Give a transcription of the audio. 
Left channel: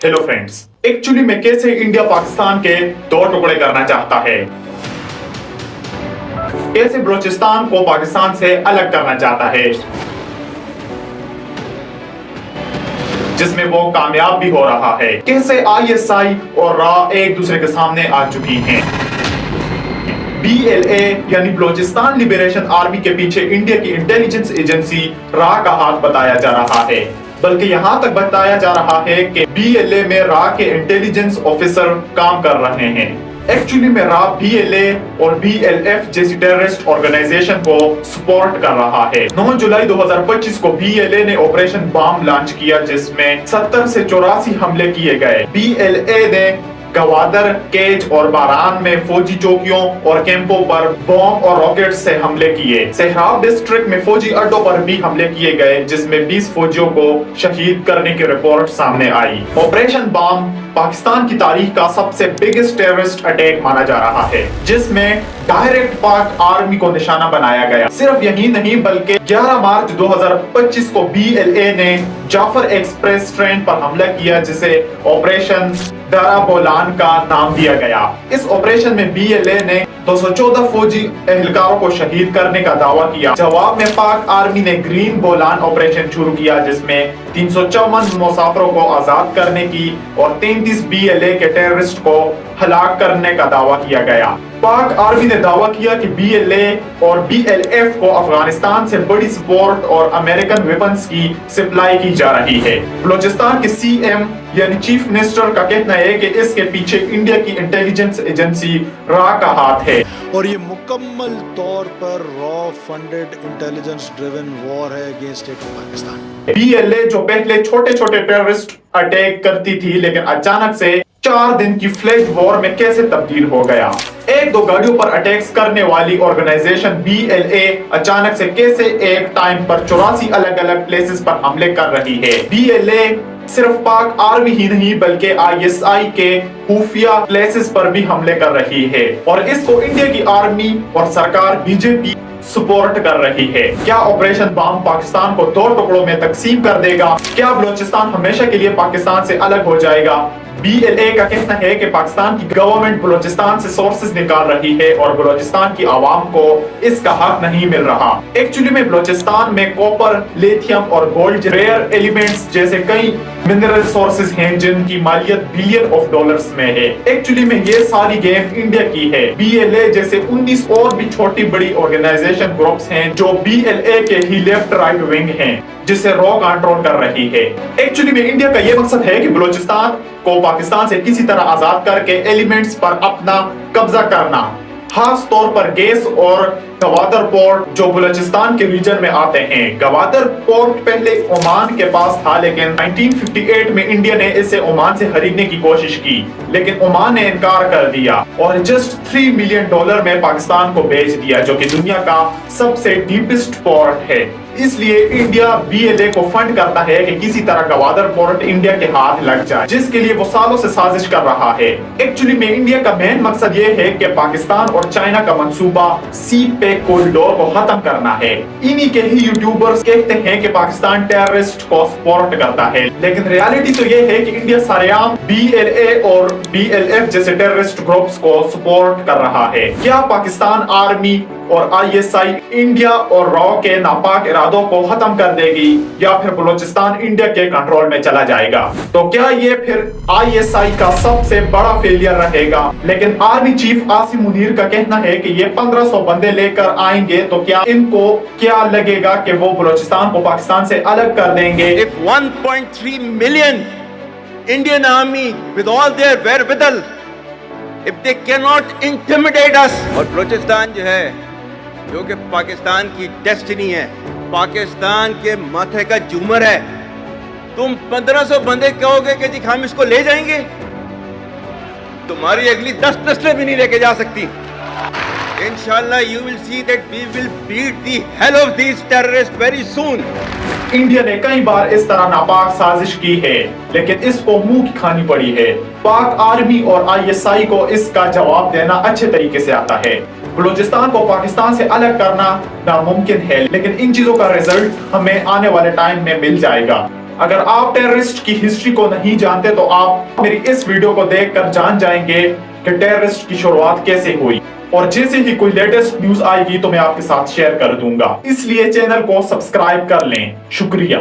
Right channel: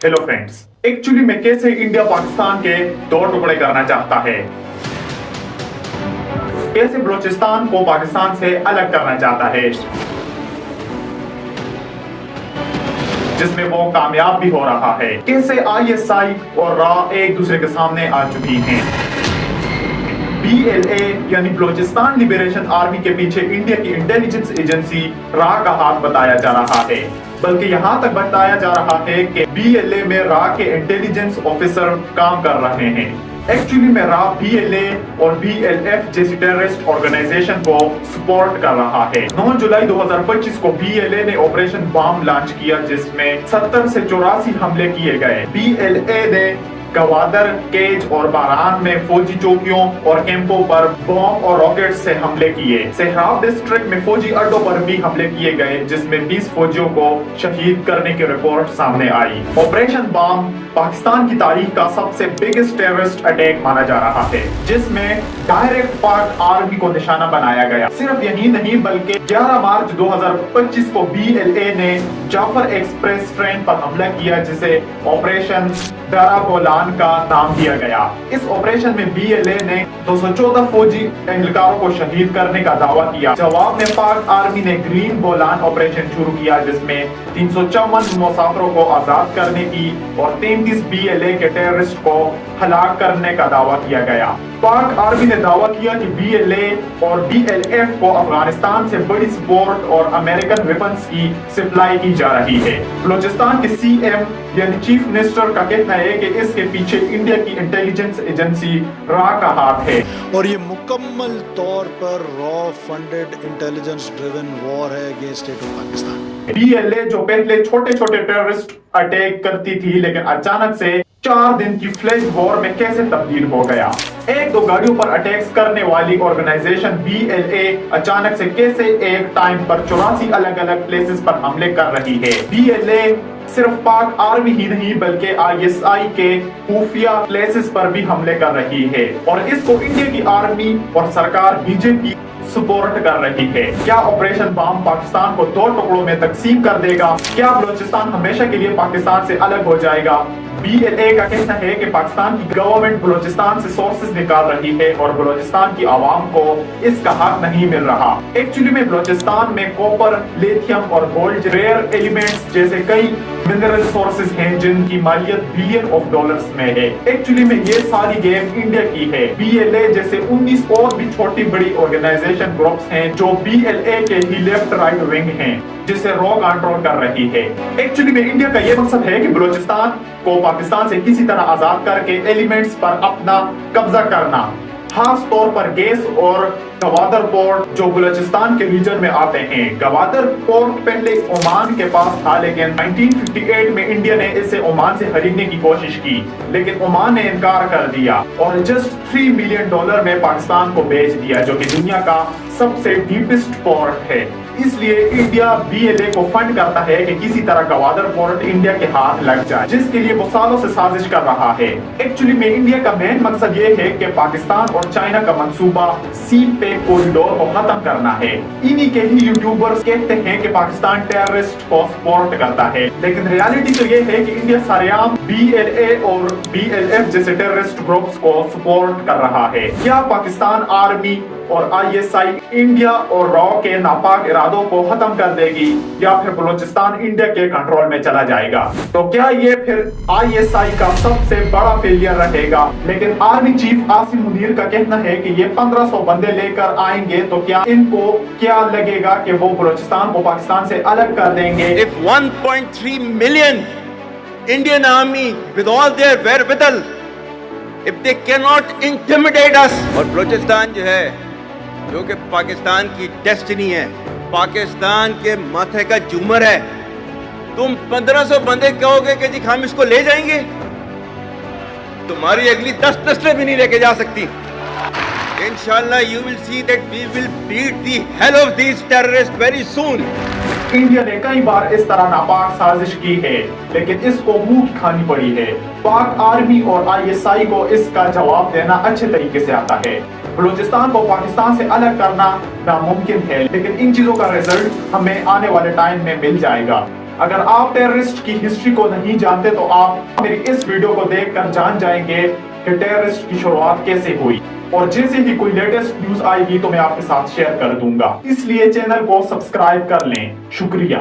Hello friends, actually में कैसे India Pakistan के दो टुकड़े करना चाहता है, कैसे बलूचिस्तान को पाकिस्तान से अलग करना चाहता है, जिसमें वो कामयाब भी हो रहा है। कैसे आईएसआई और रा एक दूसरे के सामने आ चुकी हैं। BLA यानी बलूचिस्तान लिबरेशन आर्मी के पीछे इंडिया की इंटेलिजेंस एजेंसी रा का हाथ बताया जा रहा है, बल्कि यहां तक बताया जा रहा है कि BLA में रा के इंटेलिजेंस ऑफिसर काम कर रहे हैं। एक्चुअली में रा BLA और BLF जैसी टेररिस्ट ऑर्गेनाइजेशन को सपोर्ट कर रहा है। 9 जुलाई 2025 को BLA ने ऑपरेशन बॉम्ब लॉन्च किया, जिसमें 70 से 84 हमले किए गए। BLA ने गवादर, केज और बारान में फौजी चौकियों और कैंपों पर बॉम्ब और रॉकेट से हमले किए। सेहराब डिस्ट्रिक्ट में फौजी अड्डों पर भी हमले किए गए, जिसमें 20 फौजियों को शहीद करने की रिपोर्ट सामने आई। ऑपरेशन बॉम्ब पाकिस्तान की तारीख का सबसे बिगेस्ट टेररिस्ट अटैक माना जा रहा है, जिसमें डायरेक्ट पाक आर्मी को निशाना बनाया गया। सिर्फ यही नहीं बल्कि 11 मार्च 2025 को BLA ने जाफर एक्सप्रेस ट्रेन पर हमला किया, जिसे ऑपरेशन दारा बोलान का नाम दिया गया। इस ऑपरेशन में BLA ने 214 फौजी एहलकारों को शहीद करने का दावा किया। जवाब में पाक आर्मी ने ग्रीन बोलान ऑपरेशन शुरू किया, जिसमें 354 मुसाफिरों को आजाद करने की और 33 BLA के टेररिस्ट को हलाक करने का दावा किया गया। पाक आर्मी ने दावा किया कि BLA और BLF को अफगानिस्तान से बड़ी सपोर्ट और अमेरिकन वेपन्स की सप्लाई की जा रही है। बलूचिस्तान के CM यानी चीफ मिनिस्टर का कहना है कि इसके पीछे इंडिया की इंटेलिजेंस एजेंसी रा का हाथ है और ये मुकम्मल तौर पर रॉ फंडेड इंटेलिजेंस ड्रिवन वॉर है against state of Pakistan. BLA जो पहले छोटे छोटे टेररिस्ट अटैक करती थी, लेकिन अचानक से 4 दिन की फ्लैश वॉर में कैसे तब्दील हो गया। एक दो गाड़ियों पर अटैक्स करने वाली ऑर्गेनाइजेशन BLA अचानक से कैसे एक टाइम पर 84 अलग अलग प्लेसेस पर हमले कर रही है। BLA सिर्फ पाक आर्मी ही नहीं बल्कि ISI के खुफिया प्लेसेस पर भी हमले कर रही है, और इसको इंडिया की आर्मी और सरकार BJP सपोर्ट कर रही है। क्या ऑपरेशन बॉम्ब पाकिस्तान को 2 टुकड़ों में तकसीम कर देगा? क्या बलूचिस्तान हमेशा के लिए पाकिस्तान से अलग हो जाएगा? BLA का कहना है कि पाकिस्तान की गवर्नमेंट बलूचिस्तान से सोर्सेज निकाल रही है और बलूचिस्तान की आवाम को इसका हक नहीं मिल रहा। एक्चुअली में बलूचिस्तान में कॉपर, लिथियम और गोल्ड रेयर एलिमेंट्स जैसे कई मिनरल सोर्सेज हैं, जिनकी मालियत बिलियन ऑफ डॉलर्स में है। एक्चुअली में ये सारी गेम इंडिया की है। BLA जैसे 19 और भी छोटी बड़ी ऑर्गेनाइजेशन ग्रुप्स हैं जो BLA के ही लेफ्ट राइट विंग हैं, जिसे रॉ कंट्रोल कर रही है। एक्चुअली में इंडिया का यह मकसद है कि बलूचिस्तान को पाकिस्तान से किसी तरह आजाद करके एलिमेंट्स पर अपना कब्जा करना, खास तौर पर गैस और गवादर पोर्ट जो बलूचिस्तान के रीजन में आते हैं। गवादर पोर्ट पहले ओमान के पास था, लेकिन 1958 में इंडिया ने इसे ओमान से खरीदने की कोशिश की, लेकिन ओमान ने इनकार कर दिया और जस्ट $3 मिलियन में पाकिस्तान को बेच दिया, जो कि दुनिया का सबसे डीपेस्ट पोर्ट है। इसलिए इंडिया BLA को फंड करता है कि किसी तरह गवादर पोर्ट इंडिया के हाथ लग जाए, जिसके लिए वो सालों से साजिश कर रहा है। एक्चुअली में इंडिया का मेन मकसद ये है कि पाकिस्तान और चाइना का मंसूबा सी पैक कॉरिडोर को खत्म करना है। इन्हीं के ही यूट्यूबर्स कहते हैं कि पाकिस्तान टेररिस्ट को सपोर्ट करता है, लेकिन रियलिटी तो ये है कि इंडिया सरेआम BLA और BLF जैसे टेररिस्ट ग्रुप्स को सपोर्ट कर रहा है। क्या पाकिस्तान आर्मी और ISI इंडिया और रॉ के नापाक इरादों को खत्म कर देगी, या फिर बलूचिस्तान इंडिया के कंट्रोल में चला जाएगा? तो क्या ये फिर ISI का सबसे बड़ा फेलियर रहेगा? लेकिन आर्मी चीफ आसिम मुनीर का कहना है कि ये 1500 बंदे लेकर आएंगे, तो क्या इनको क्या लगेगा कि वो बलूचिस्तान को पाकिस्तान से अलग कर देंगे? If 1.3 million Indian army with all their wherewithal, if they cannot intimidate us, और बलूचिस्तान जो है, जो कि पाकिस्तान की डेस्टिनी है, पाकिस्तान के माथे का झूमर है, तुम 1500 बंदे कहोगे कि जी हम इसको ले जाएंगे, तुम्हारी अगली 10 नस्लें भी नहीं लेके जा सकती। इंशाल्लाह you will see that we will beat the hell of these terrorists very soon. India ने कई बार इस तरह नापाक साजिश की है, लेकिन इसको मुंह की खानी पड़ी है। पाक आर्मी और ISI को इसका जवाब देना अच्छे तरीके से आता है। बलूचिस्तान को पाकिस्तान से अलग करना नामुमकिन है, लेकिन इन चीजों का रिजल्ट हमें आने वाले टाइम में मिल जाएगा। اگر آپ ٹیررسٹ کی ہسٹری کو نہیں جانتے تو آپ میری اس ویڈیو کو دیکھ کر جان جائیں گے کہ ٹیررسٹ کی شروعات کیسے ہوئی، اور جیسے ہی کوئی لیٹسٹ نیوز آئے گی تو میں آپ کے ساتھ شیئر کر دوں گا، اس لیے چینل کو سبسکرائب کر لیں۔ شکریہ۔